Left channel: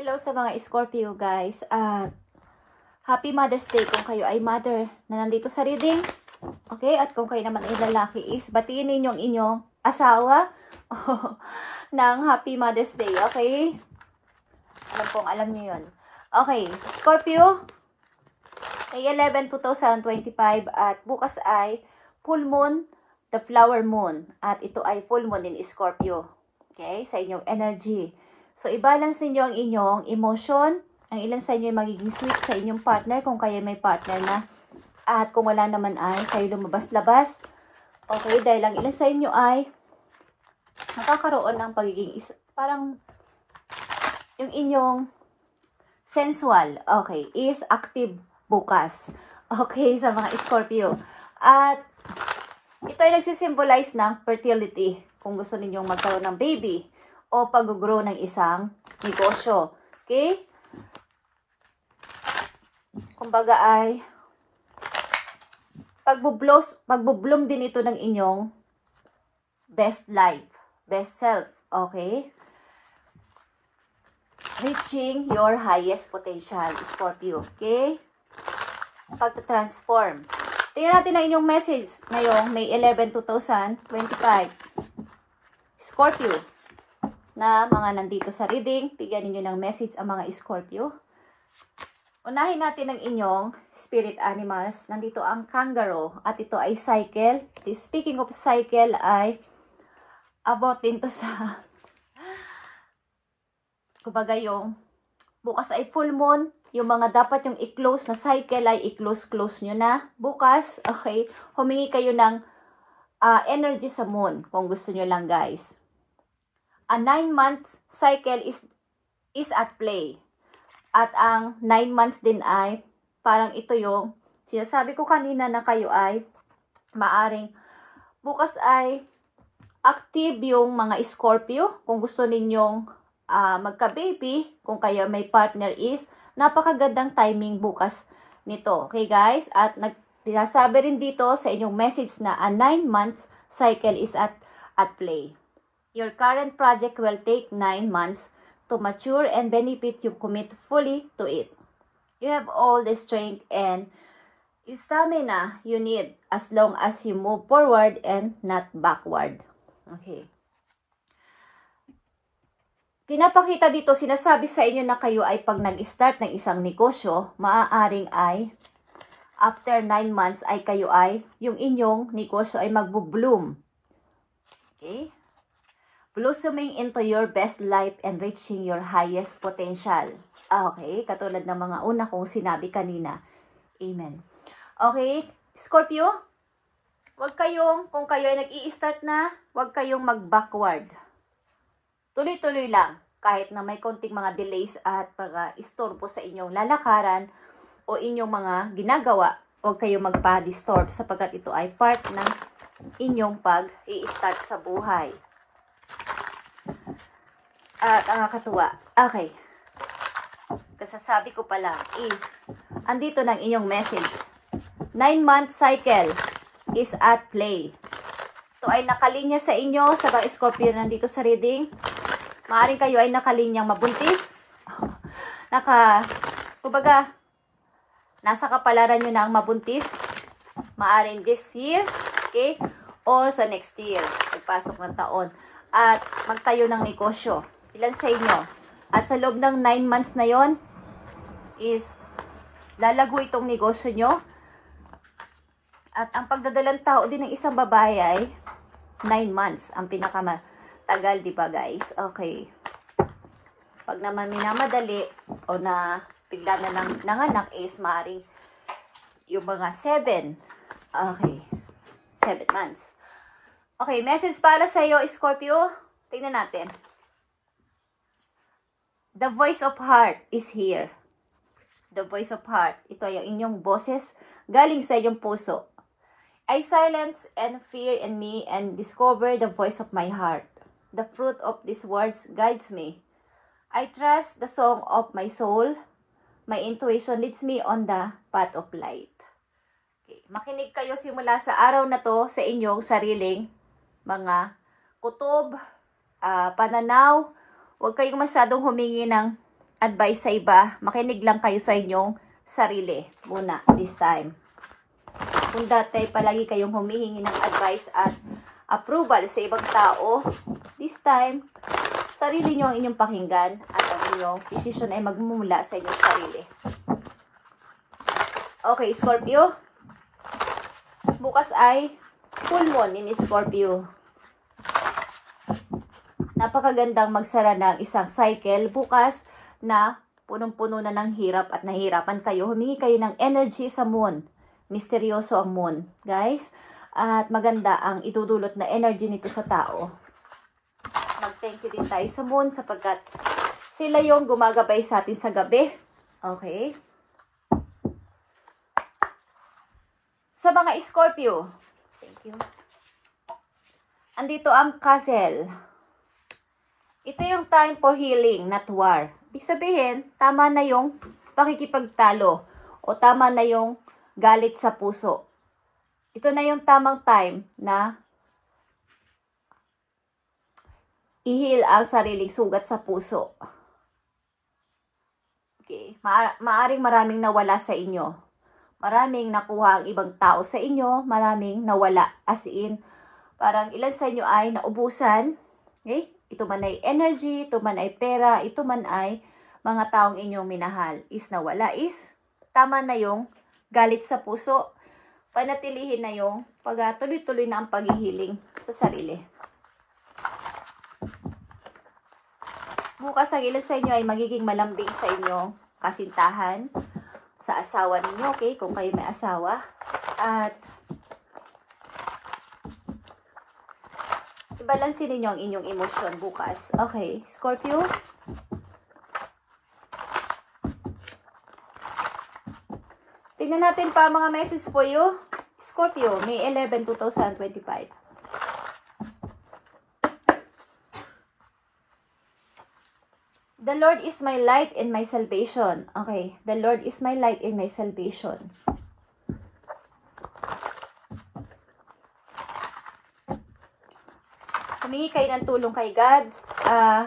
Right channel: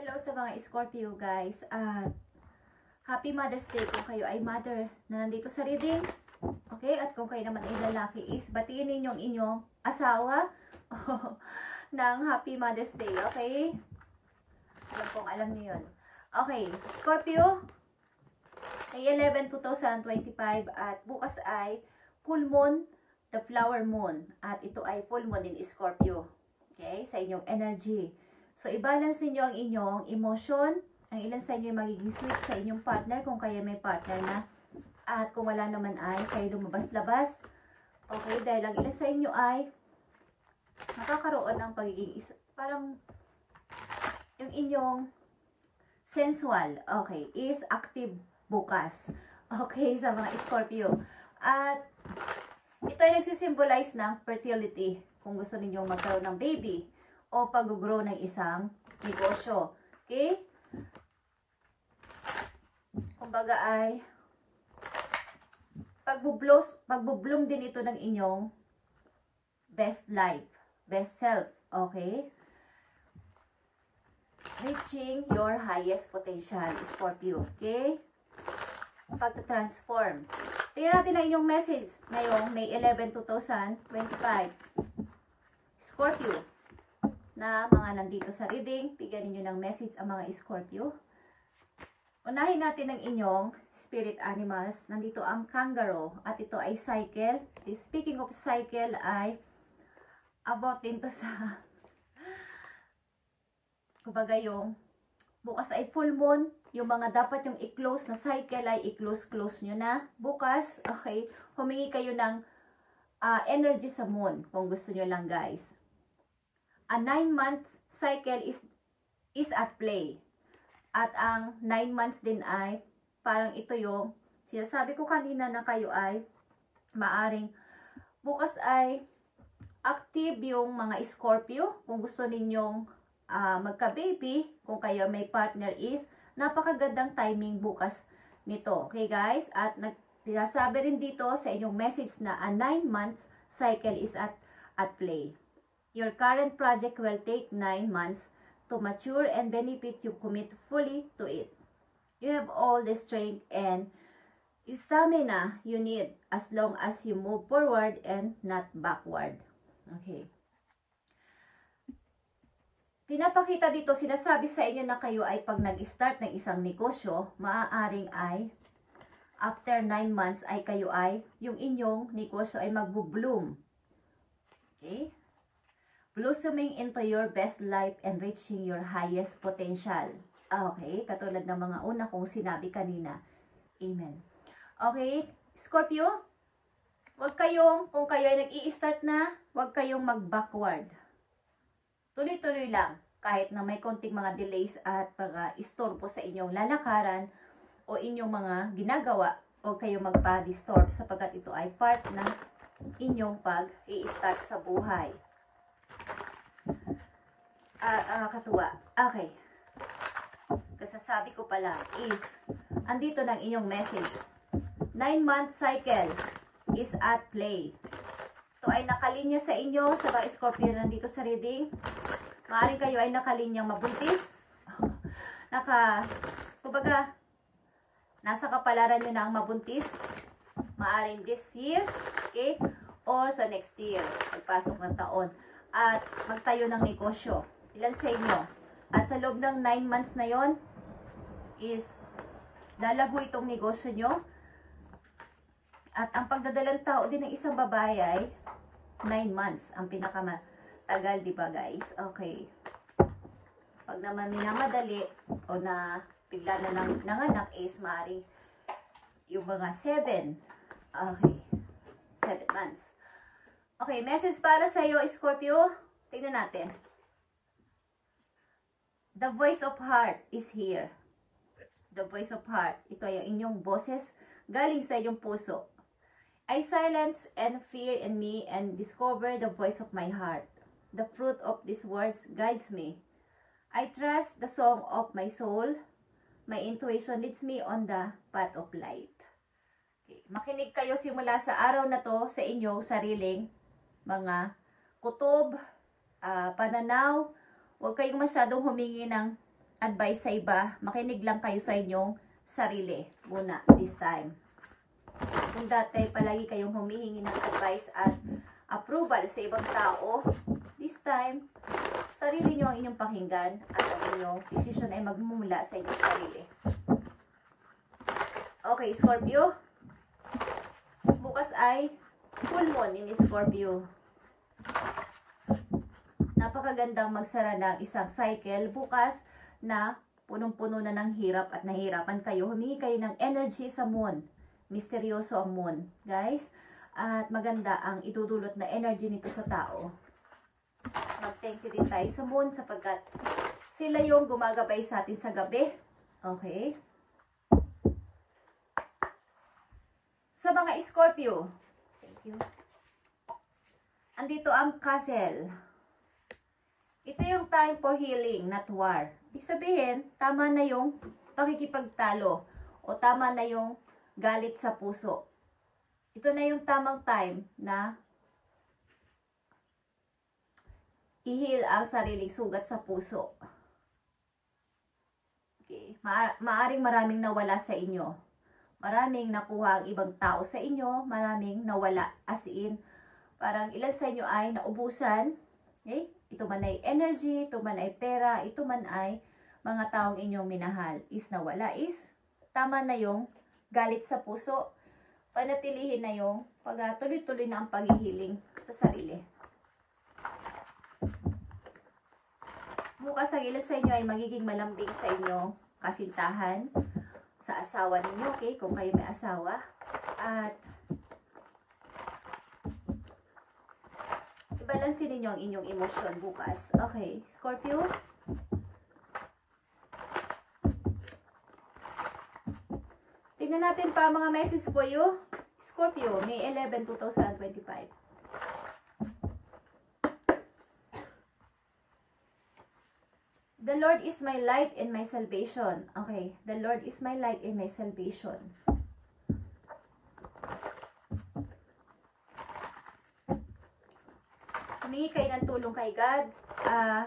Hello sa mga Scorpio guys. Happy Mother's Day kung kayo ay mother na nandito sa reading. Okay? At kung kayo naman ay lalaki is batiin ninyong inyong asawa ng Happy Mother's Day. Okay? Alam niyo yun. Okay. Scorpio, May 11, 2025 at bukas ay full moon, the flower moon. At ito ay full moon in Scorpio. Okay? Sa inyong energy. So, i-balance ninyo ang inyong emotion. Ang ilan sa inyo ay magiging sweet sa inyong partner kung kayo may partner na. At kung wala naman ay kayo lumabas-labas. Okay, dahil ang ilan sa inyo ay nakakaroon ng pagiging parang yung inyong sensual, okay, is active bukas. Okay, sa mga Scorpio. At ito ay nagsisimbolize ng fertility kung gusto ninyong magkaroon ng baby o pag-grow ng isang negosyo. Okay? Kumbaga ay pagbo-bloom din ito ng inyong best life, best self. Okay? Reaching your highest potential, Scorpio. Okay? Pag-transform. Tingnan natin ang inyong message ngayong May 11, 2025. Scorpio, na mga nandito sa reading, bigyan ninyo ng message ang mga Scorpio. Unahin natin ang inyong spirit animals. Nandito ang kangaroo at ito ay cycle. Speaking of cycle ay about din to sa kumbaga yung bukas ay full moon. Yung mga dapat yung i-close na cycle ay i-close nyo na. Bukas, okay, humingi kayo ng energy sa moon kung gusto nyo lang guys. A 9 months cycle is at play. At ang 9 months din ay parang ito yung sinasabi ko kanina na kayo ay maaring bukas ay active yung mga Scorpio. Kung gusto ninyong magka-baby, kung kayo may partner is napakagandang timing bukas nito. Okay guys? At sinasabi rin dito sa inyong message na a 9 months cycle is at play. Your current project will take 9 months to mature and benefit you commit fully to it. You have all the strength and stamina you need as long as you move forward and not backward. Okay. Pinapakita dito, sinasabi sa inyo na kayo ay pag nag-start ng isang negosyo, maaaring ay after 9 months ay kayo ay, yung inyong negosyo ay magbo-bloom. Okay? Blossoming into your best life and reaching your highest potential. Okay? Katulad ng mga una kong sinabi kanina. Amen. Okay? Scorpio, kung kayo ay nag-i-start na, huwag kayong mag-backward. Tuloy-tuloy lang. Kahit na may konting mga delays at mga istorbo sa inyong lalakaran o inyong mga ginagawa, huwag kayong magpa-disturb sapagkat ito ay part ng inyong pag-i-start sa buhay. At nakakatuwa. Okay. Kasasabi ko pala is, andito ng inyong message. 9-month cycle is at play. Ito ay nakalinya sa inyo, sa mga Scorpio nandito sa reading. Maaring kayo ay nakalinyang mabuntis. Kumbaga, nasa kapalaran nyo na ang mabuntis. Maaring this year, okay? Or sa next year, pagpasok ng taon. At magtayo ng negosyo. Ilan sa inyo? At sa loob ng 9 months na yon is lalago itong negosyo nyo. At ang pagdadalang tao din ng isang babae ay 9 months. Ang pinakamatagal, di ba guys? Okay. Pag naman minamadali o na bigla na nanganak is maaaring yung mga 7. Okay. 7 months. Okay, message para sa iyo, Scorpio. Tingnan natin. The voice of heart is here. The voice of heart. Ito ay ang inyong boses galing sa iyong puso. I silence and fear in me and discover the voice of my heart. The fruit of these words guides me. I trust the song of my soul. My intuition leads me on the path of light. Okay. Makinig kayo simula sa araw na to sa inyong sariling mga kutob, pananaw. Huwag kayong masyadong humingi ng advice sa iba. Makinig lang kayo sa inyong sarili muna this time. Kung dati palagi kayong humihingi ng advice at approval sa ibang tao, this time, sarili nyo ang inyong pakinggan at ang inyong decision ay magmumula sa inyong sarili. Okay, Scorpio. Bukas ay full moon in Scorpio. Napakagandang magsara ng isang cycle bukas na punong-puno na ng hirap at nahirapan kayo. Humingi kayo ng energy sa moon. Misteryoso ang moon, guys. At maganda ang itudulot na energy nito sa tao. Mag-thank you din tayo sa moon sapagkat sila yung gumagabay sa atin sa gabi. Okay. Sa mga Scorpio, thank you. Andito ang Castle. Ito yung time for healing, not war. Ibig sabihin, tama na yung pakikipagtalo o tama na yung galit sa puso. Ito na yung tamang time na i-heal ang sariling sugat sa puso. Okay. Maaring maraming nawala sa inyo. Maraming nakuha ang ibang tao sa inyo. Maraming nawala. As in, parang ilan sa inyo ay naubusan. Okay? Ito man ay energy, ito man ay pera, ito man ay mga taong inyong minahal. Is nawala is tama na yung galit sa puso. Panatilihin na yung tuloy-tuloy na ang paghihiling sa sarili. Bukas ang ilan sa inyo ay magiging malambing sa inyong kasintahan, sa asawa ninyo, okay? Kung kayo may asawa. At ibalansin ninyo ang inyong emosyon bukas. Okay, Scorpio. Tingnan natin pa mga message po you. Scorpio, May 11, 2025. The Lord is my light and my salvation. Okay, the Lord is my light and my salvation. Humingi kayo ng tulong kay God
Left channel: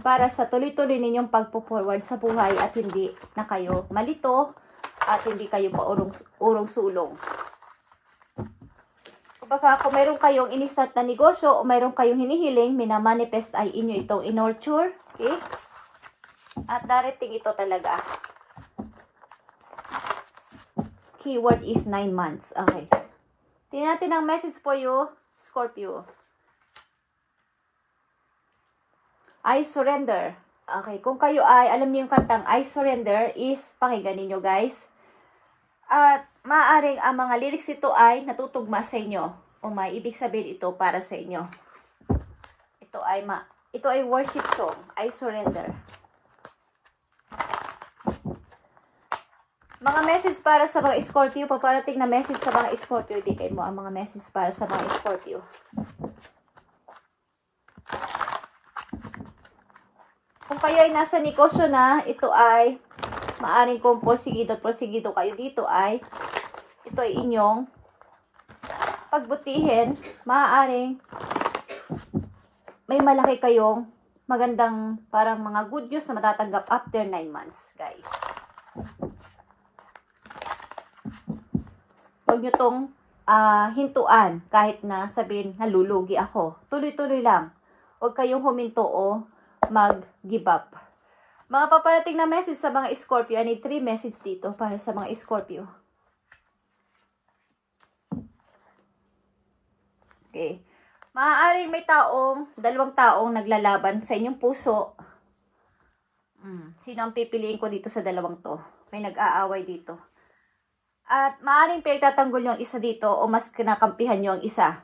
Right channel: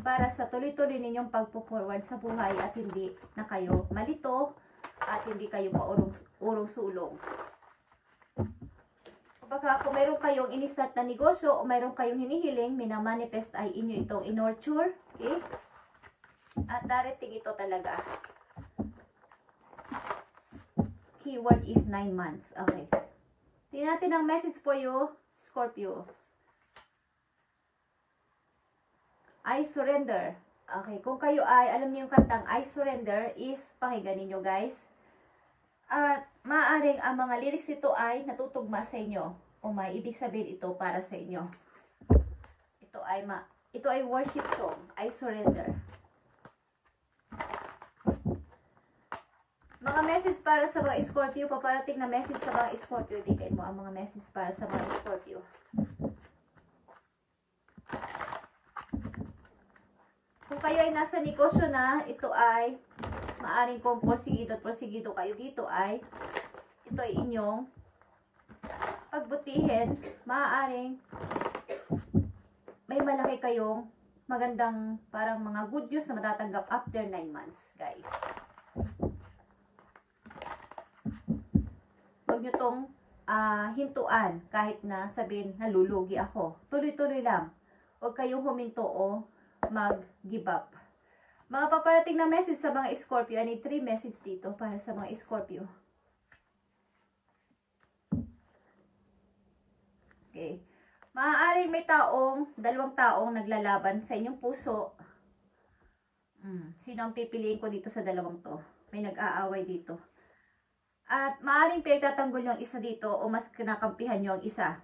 para sa tuloy-tuloy ninyong pagpo-forward sa buhay at hindi na kayo malito at hindi kayo paurong-sulong. Baka kung meron kayong in-start na negosyo o meron kayong hinihiling, minamanifest ay inyo itong in-nurture. Okay? At darating ito talaga. Keyword is 9 months. Okay. Tingnan natin ang message for you, Scorpio. I surrender. Okay. Kung kayo ay, alam niyo yung kantang I surrender is, pakinggan ninyo guys. At maaaring ang mga lyrics ito ay natutugma sa inyo. O may ibig sabihin ito para sa inyo. Ito ay worship song. I surrender. Mga message para sa mga Scorpio. Paparating na message sa mga Scorpio. Ibigay mo ang mga message para sa mga Scorpio. Kung kayo ay nasa negosyo na, ito ay maaring kung porsigido kayo dito ay ito ay inyong pagbutihin. Maaaring may malaki kayong magandang parang mga good news na matatanggap after 9 months, guys. Huwag nyo tong hintuan kahit na sabihin nalulugi ako. Tuloy-tuloy lang. Huwag kayong huminto o mag-give up. Mga paparating na message sa mga Scorpio. I need 3 message dito para sa mga Scorpio. Okay. Maaaring may dalawang taong naglalaban sa inyong puso. Sino ang pipiliin ko dito sa dalawang to? May nag-aaway dito. At maaaring pinagtatanggol nyo ang isa dito o mas kinakampihan nyo ang isa.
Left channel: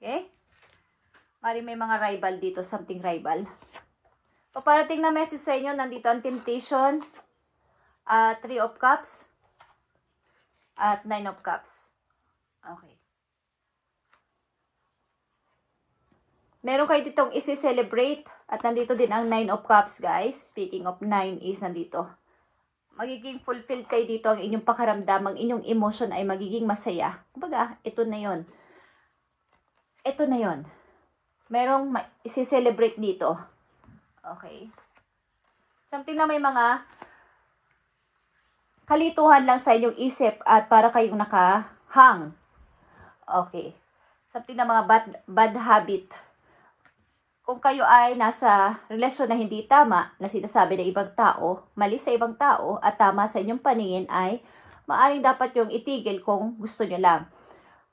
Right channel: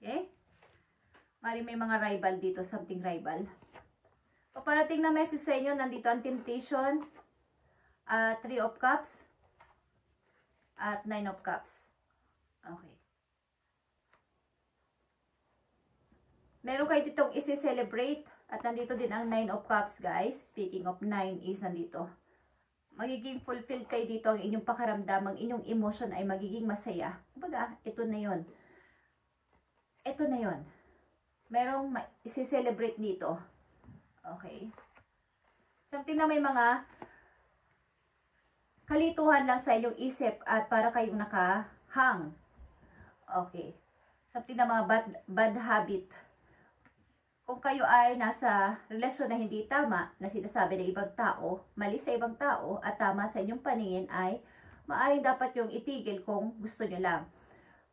Okay? Maaaring may mga rival dito, something rival. Paparating na message sa inyo, nandito ang temptation, 3 of cups, at 9 of cups. Okay. Meron kayo ditong isi-celebrate, at nandito din ang 9 of cups, guys. Speaking of 9 is nandito. Magiging fulfilled kayo dito, ang inyong pakaramdam, ang inyong emotion ay magiging masaya. Kumbaga, ito na yon. Ito na yon. Merong isi-celebrate dito. Okay. Something na may mga kalituhan lang sa inyong isip at para kayong nakahang. Okay. Something na mga bad habit. Kung kayo ay nasa relasyon na hindi tama, na sinasabi ng ibang tao, mali sa ibang tao, at tama sa inyong paningin, ay maaaring dapat yung itigil kung gusto nyo lang.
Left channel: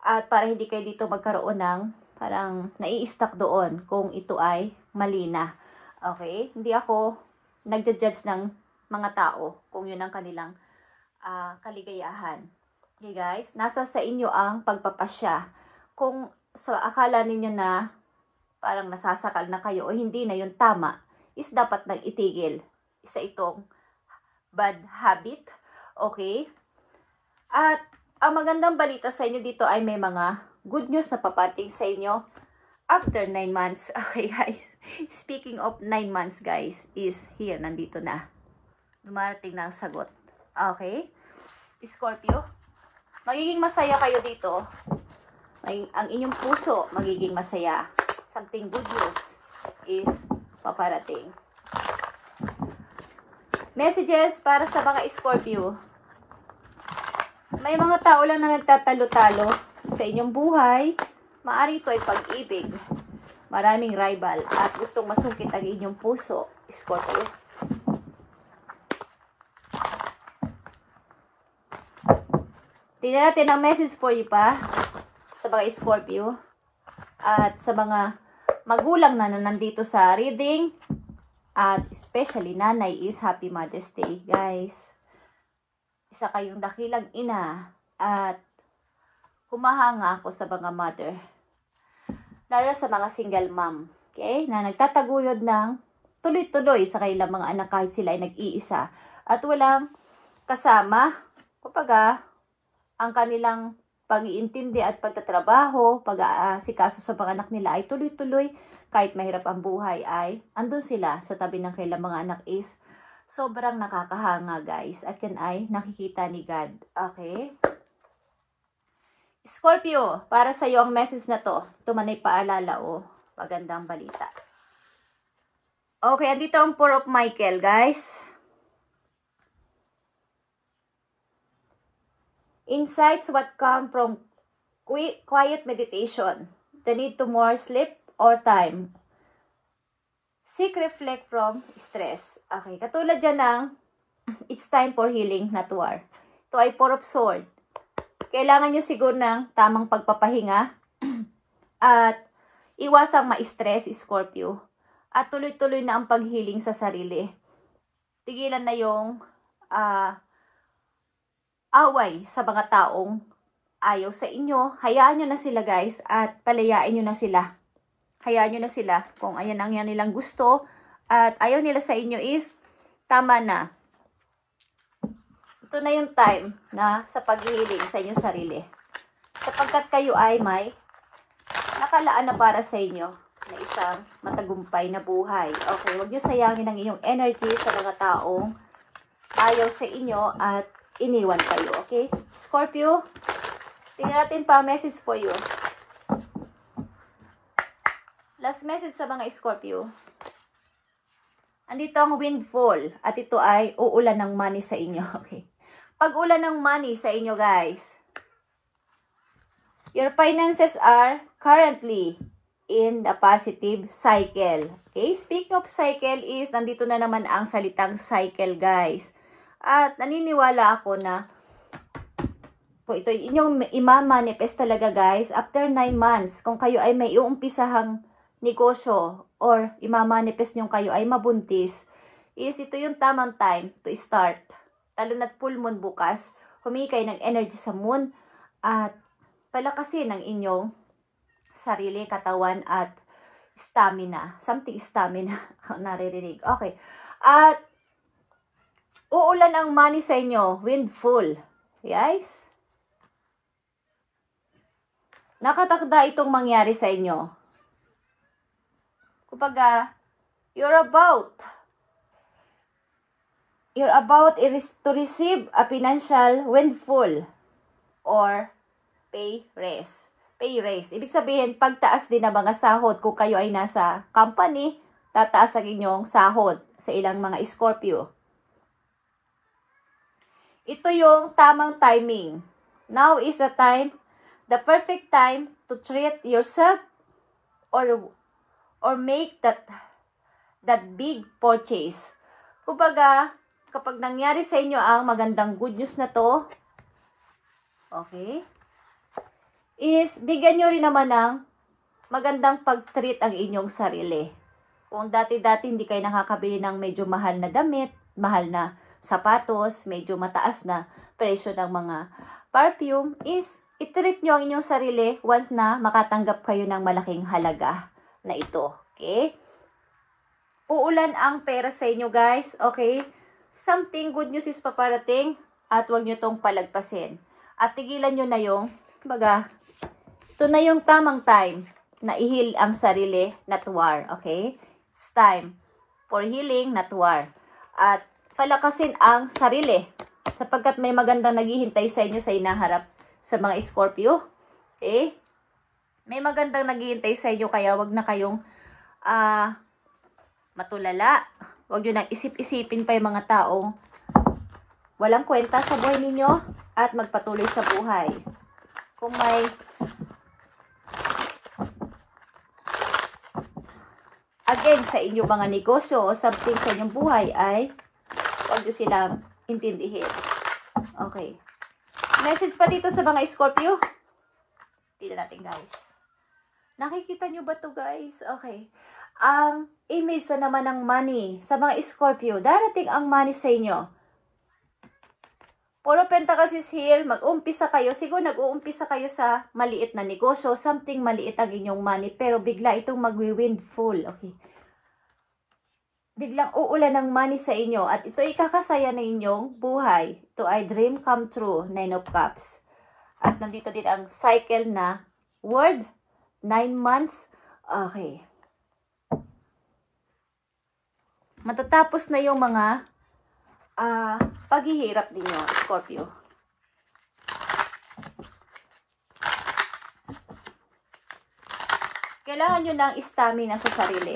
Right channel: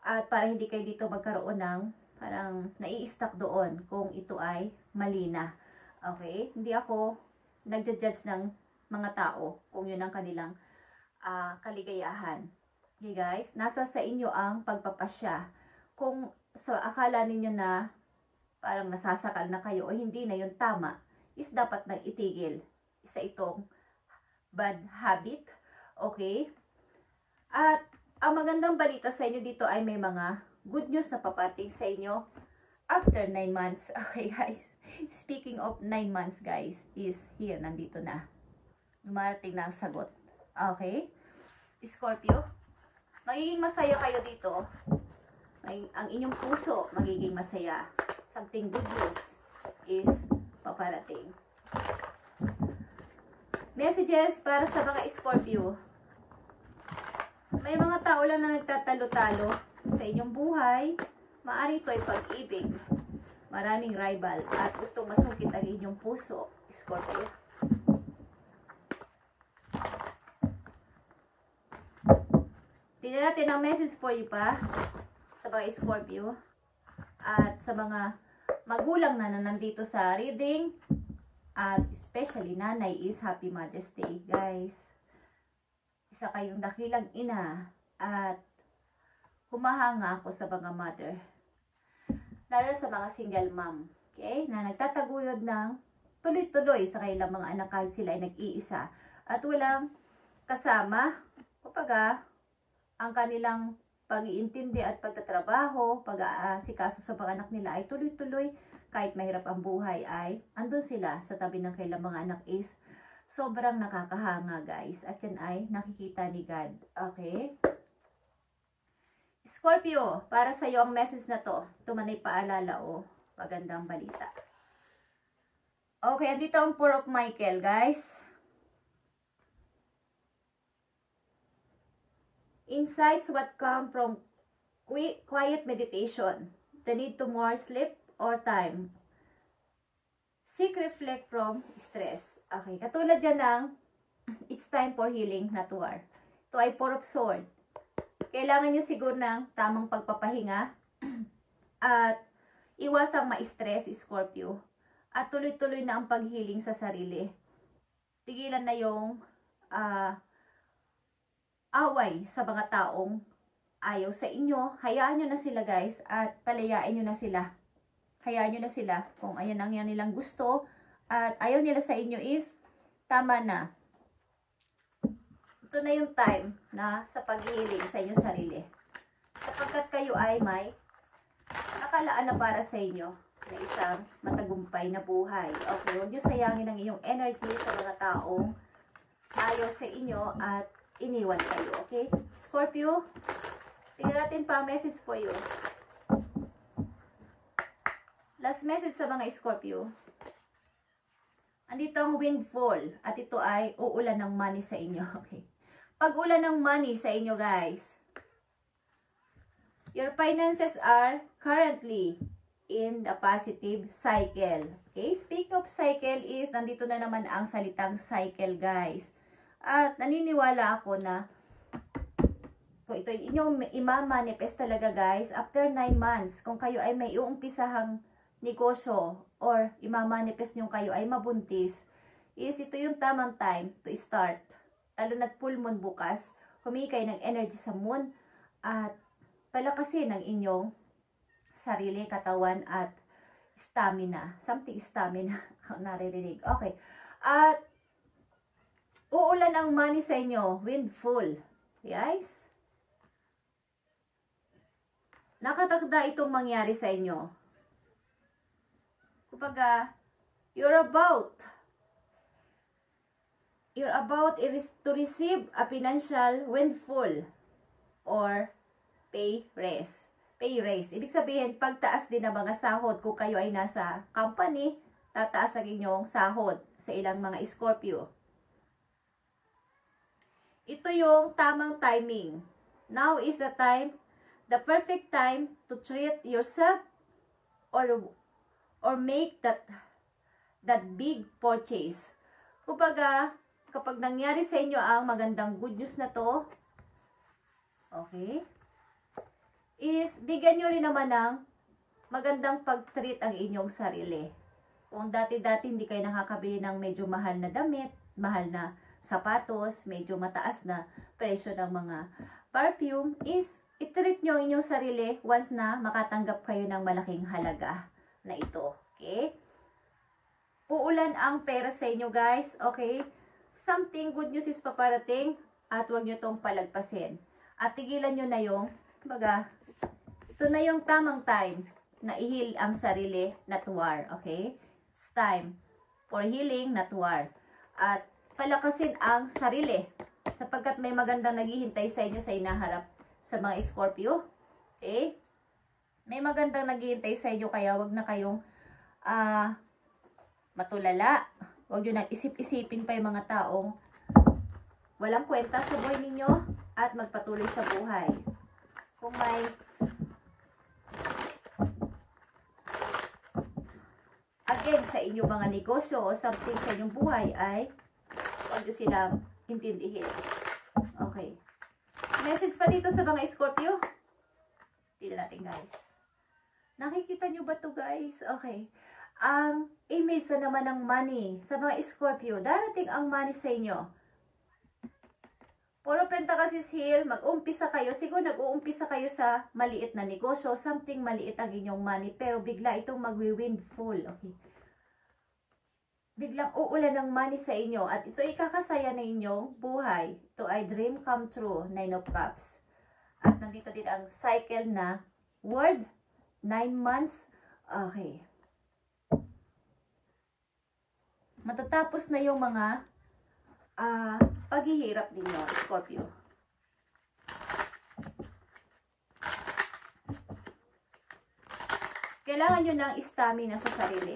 At para hindi kayo dito magkaroon ng parang nai-stuck doon kung ito ay mali na. Okay? Hindi ako nagja-judge ng mga tao kung yun ang kanilang kaligayahan. Okay guys? Nasa sa inyo ang pagpapasya. Kung akala ninyo na parang nasasakal na kayo o hindi na yung tama, is dapat nang itigil. Isa itong bad habit. Okay? At ang magandang balita sa inyo dito ay may mga good news na papating sa inyo after 9 months. Okay guys, speaking of 9 months guys, is here, nandito na. Dumarating na ang sagot. Okay? Scorpio, magiging masaya kayo dito. Ang inyong puso magiging masaya. Something good news is paparating. Messages para sa mga Scorpio. May mga tao lang na nagtatalo-talo sa inyong buhay. Maari ito ay pag-ibig. Maraming rival at gustong masungkit ang inyong puso, Scorpio. Tingnan natin ang message for you pa sa mga Scorpio. At sa mga magulang na nandito sa reading, at especially nanay, is Happy Mother's Day, guys. Isa kayong dakilang ina at humahanga ako sa mga mother. Lalo sa mga single mom, okay, na nagtataguyod ng tuloy-tuloy sa kanilang mga anak kahit sila ay nag-iisa. At walang kasama, kumbaga, ang kanilang pag-iintindi at pagtatrabaho, pag-aasikaso sa mga anak nila ay tuloy-tuloy. Kahit mahirap ang buhay ay andun sila sa tabi ng kailang mga anak, is sobrang nakakahanga guys. At yan ay nakikita ni God. Okay? Scorpio, para sa iyo ang message na to. Ito man ay paalala o magandang balita. Okay, andito ang Four of Michael guys. Insights what come from quiet meditation. The need to more sleep or time. Seek reflect from stress. Okay, katulad dyan ng it's time for healing, not war. Ito ay Four of Sword. Kailangan nyo siguro ng tamang pagpapahinga at iwasang ma-stress, Scorpio. At tuloy-tuloy na ang pag-healing sa sarili. Tigilan na yung away sa mga taong ayaw sa inyo. Hayaan nyo na sila guys at palayain nyo na sila. Hayaan nyo na sila kung ayan ang yan nilang gusto at ayaw nila sa inyo, is tama na. Ito na yung time na sa pag-healing sa inyong sarili. Sapagkat kayo ay may nakalaan na para sa inyo na isang matagumpay na buhay. Okay, huwag nyo sayangin ang inyong energy sa mga taong ayaw sa inyo at iniwan kayo, okay? Scorpio, tingnan natin pa message for you. Last message sa mga Scorpio. Andito ang windfall at ito ay uulan ng money sa inyo, okay? Pag ulan ng money sa inyo, guys, your finances are currently in the positive cycle. Okay? Speaking of cycle is, nandito na naman ang salitang cycle, guys. At naniniwala ako na kung ito inyong ima-manifest talaga guys, after 9 months, kung kayo ay may iumpisahang negosyo or ima-manifest nyo kayo ay mabuntis, is ito yung tamang time to start. Lalo na't full moon bukas, humingi kayo ng energy sa moon at palakasin ang inyong sarili, katawan at stamina. Something stamina, naririnig. Okay. At uulan ang money sa inyo, windfall. Guys, nakatakda itong mangyari sa inyo. Kumbaga, you're about to receive a financial windfall or pay raise. Pay raise. Ibig sabihin, pagtaas din ng mga sahod. Kung kayo ay nasa company, tataas ang inyong sahod sa ilang mga Scorpio. ito yung tamang timing. Now is the perfect time to treat yourself or make that big purchase. Kumbaga, kapag nangyari sa inyo ang magandang good news na to, okay, is bigyan nyo rin naman ng magandang pag-treat ang inyong sarili. Kung dati-dati hindi kayo nakakabili ng medyo mahal na damit, mahal na sapatos, medyo mataas na presyo ng mga perfume, is i-treat nyo ang inyong sarili once na makatanggap kayo ng malaking halaga na ito. Okay? Uulan ang pera sa inyo, guys. Okay? Something good news is paparating at huwag nyo tong palagpasin. At tigilan nyo na yung, baga, ito na yung tamang time na i-heal ang sarili, not war. Okay? It's time for healing, not war. At palakasin ang sarili sapagkat may magandang naghihintay sa inyo sa inaharap sa mga Scorpio. Okay? May magandang naghihintay sa inyo kaya wag na kayong matulala. Wag nyo nang isip-isipin pa yung mga taong walang kwenta sa buhay ninyo at magpatuloy sa buhay. Kung may again sa inyong mga negosyo o something sa inyong buhay ay huwag nyo silang intindihin. Okay. Message pa dito sa mga Scorpio. Tignan natin, guys. Nakikita nyo ba to, guys? Okay. Ang image na naman ng money sa mga Scorpio. Darating ang money sa inyo. Puro pentacles is here. Mag-umpisa kayo. Siguro nag-uumpisa kayo sa maliit na negosyo. Something maliit ang inyong money. Pero bigla itong magwi-windfall. Okay. Biglang uulan ng money sa inyo at ito ay kakasaya ng inyong buhay. Ito ay dream come true, 9 of Cups. At nandito din ang cycle na word, 9 months. Okay. Matatapos na yung mga paghihirap ninyo, Scorpio. Kailangan nyo ng stamina sa sarili.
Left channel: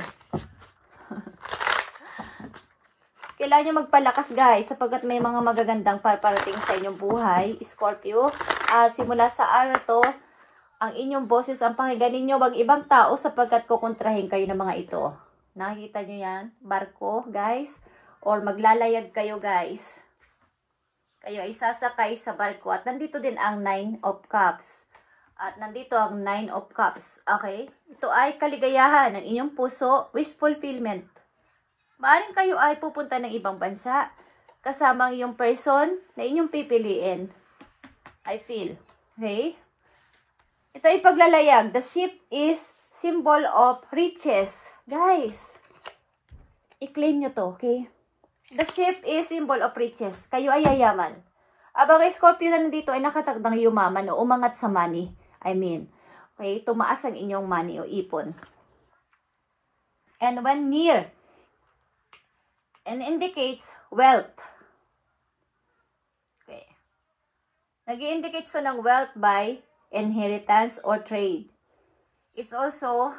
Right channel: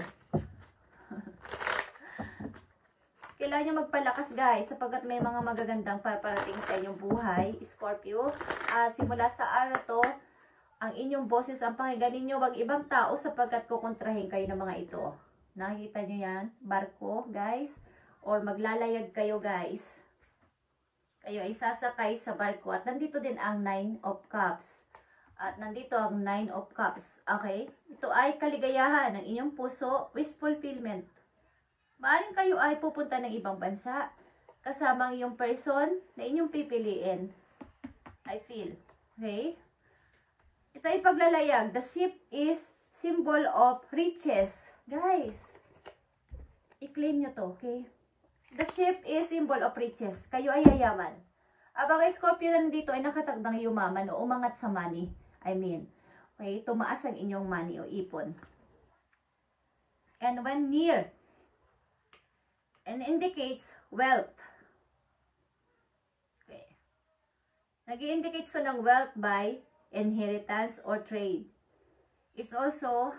Kailangan nyo magpalakas, guys, sapagkat may mga magagandang parating sa inyong buhay, Scorpio. At simula sa araw to, ang inyong boses ang pakinggan ninyo, wag ibang tao sapagkat kukontrahin kayo ng mga ito. Nakikita nyo yan? Barko, guys. Or maglalayag kayo, guys. Kayo ay sasakay sa barko. At nandito din ang 9 of Cups. At nandito ang 9 of Cups. Okay? Ito ay kaligayahan ng inyong puso, wish fulfillment. Maaring kayo ay pupunta ng ibang bansa kasama ang iyong person na inyong pipiliin. I feel. Okay? Ito ay paglalayag. The ship is symbol of riches. Guys, i-claim nyo to, okay? The ship is symbol of riches. Kayo ay yayaman. Abang Scorpio na nandito ay nakatagdang yumaman o umangat sa money. I mean, okay, tumaas ang inyong money o ipon. And when near, and indicates wealth. Okay. Nag-i-indicate so ng wealth by inheritance or trade. It's also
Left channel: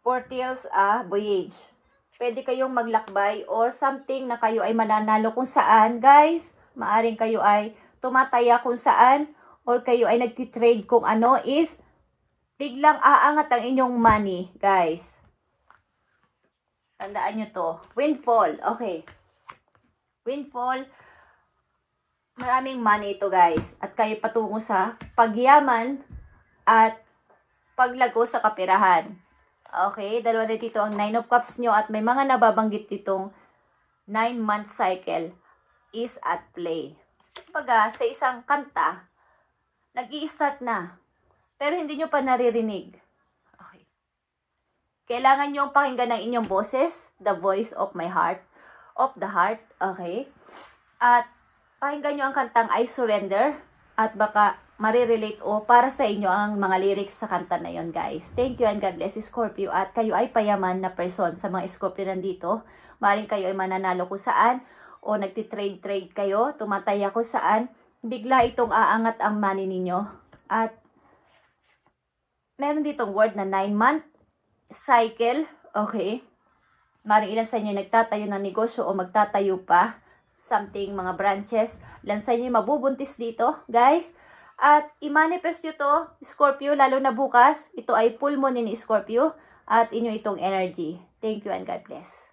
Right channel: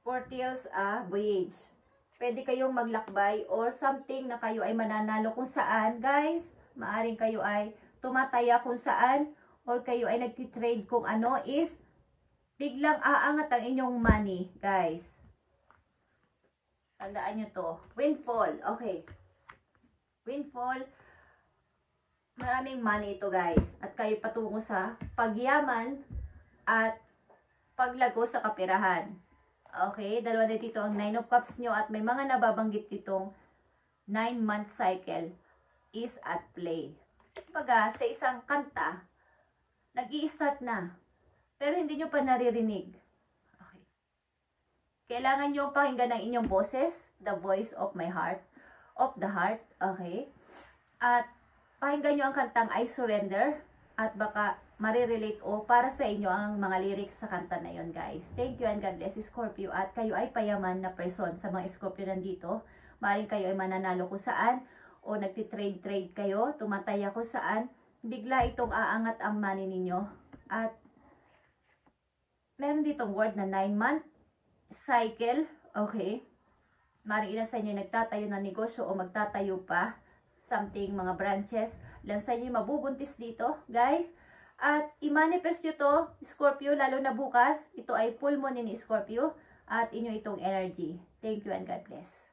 foretells a voyage. Pwede kayong maglakbay or something na kayo ay mananalo kung saan, guys. Maaring kayo ay tumataya kung saan or kayo ay nagtitrade kung ano is biglang aangat ang inyong money, guys. Tandaan nyo to. Windfall. Okay. Windfall. Maraming money ito, guys. At kayo patungo sa pagyaman at paglago sa kapirahan. Okay. Dalawa na dito ang 9 of Cups nyo at may mga nababanggit ditong 9-month cycle is at play. Pagka sa isang kanta, nag-i-start na. Pero hindi nyo pa naririnig. Kailangan nyo pakinggan ng inyong boses, the voice of my heart, of the heart, okay? At pakinggan nyo ang kantang I Surrender, at baka marirelate o para sa inyo ang mga lyrics sa kanta na yon, guys. Thank you and God bless, Scorpio. At kayo ay payaman na person sa mga Scorpio nandito. Maaaring kayo ay mananalo kung saan, o nagtitrade-trade kayo, tumataya kung saan, bigla itong aangat ang money ninyo. At meron ditong word na 9-month cycle, okay? Maring ilan sa inyo nagtatayo ng negosyo o magtatayo pa something, mga branches. Lansan nyo yung mabubuntis dito, guys. At i-manifest nyo to, Scorpio, lalo na bukas. Ito ay full moon ni Scorpio. At inyo itong energy. Thank you and God bless.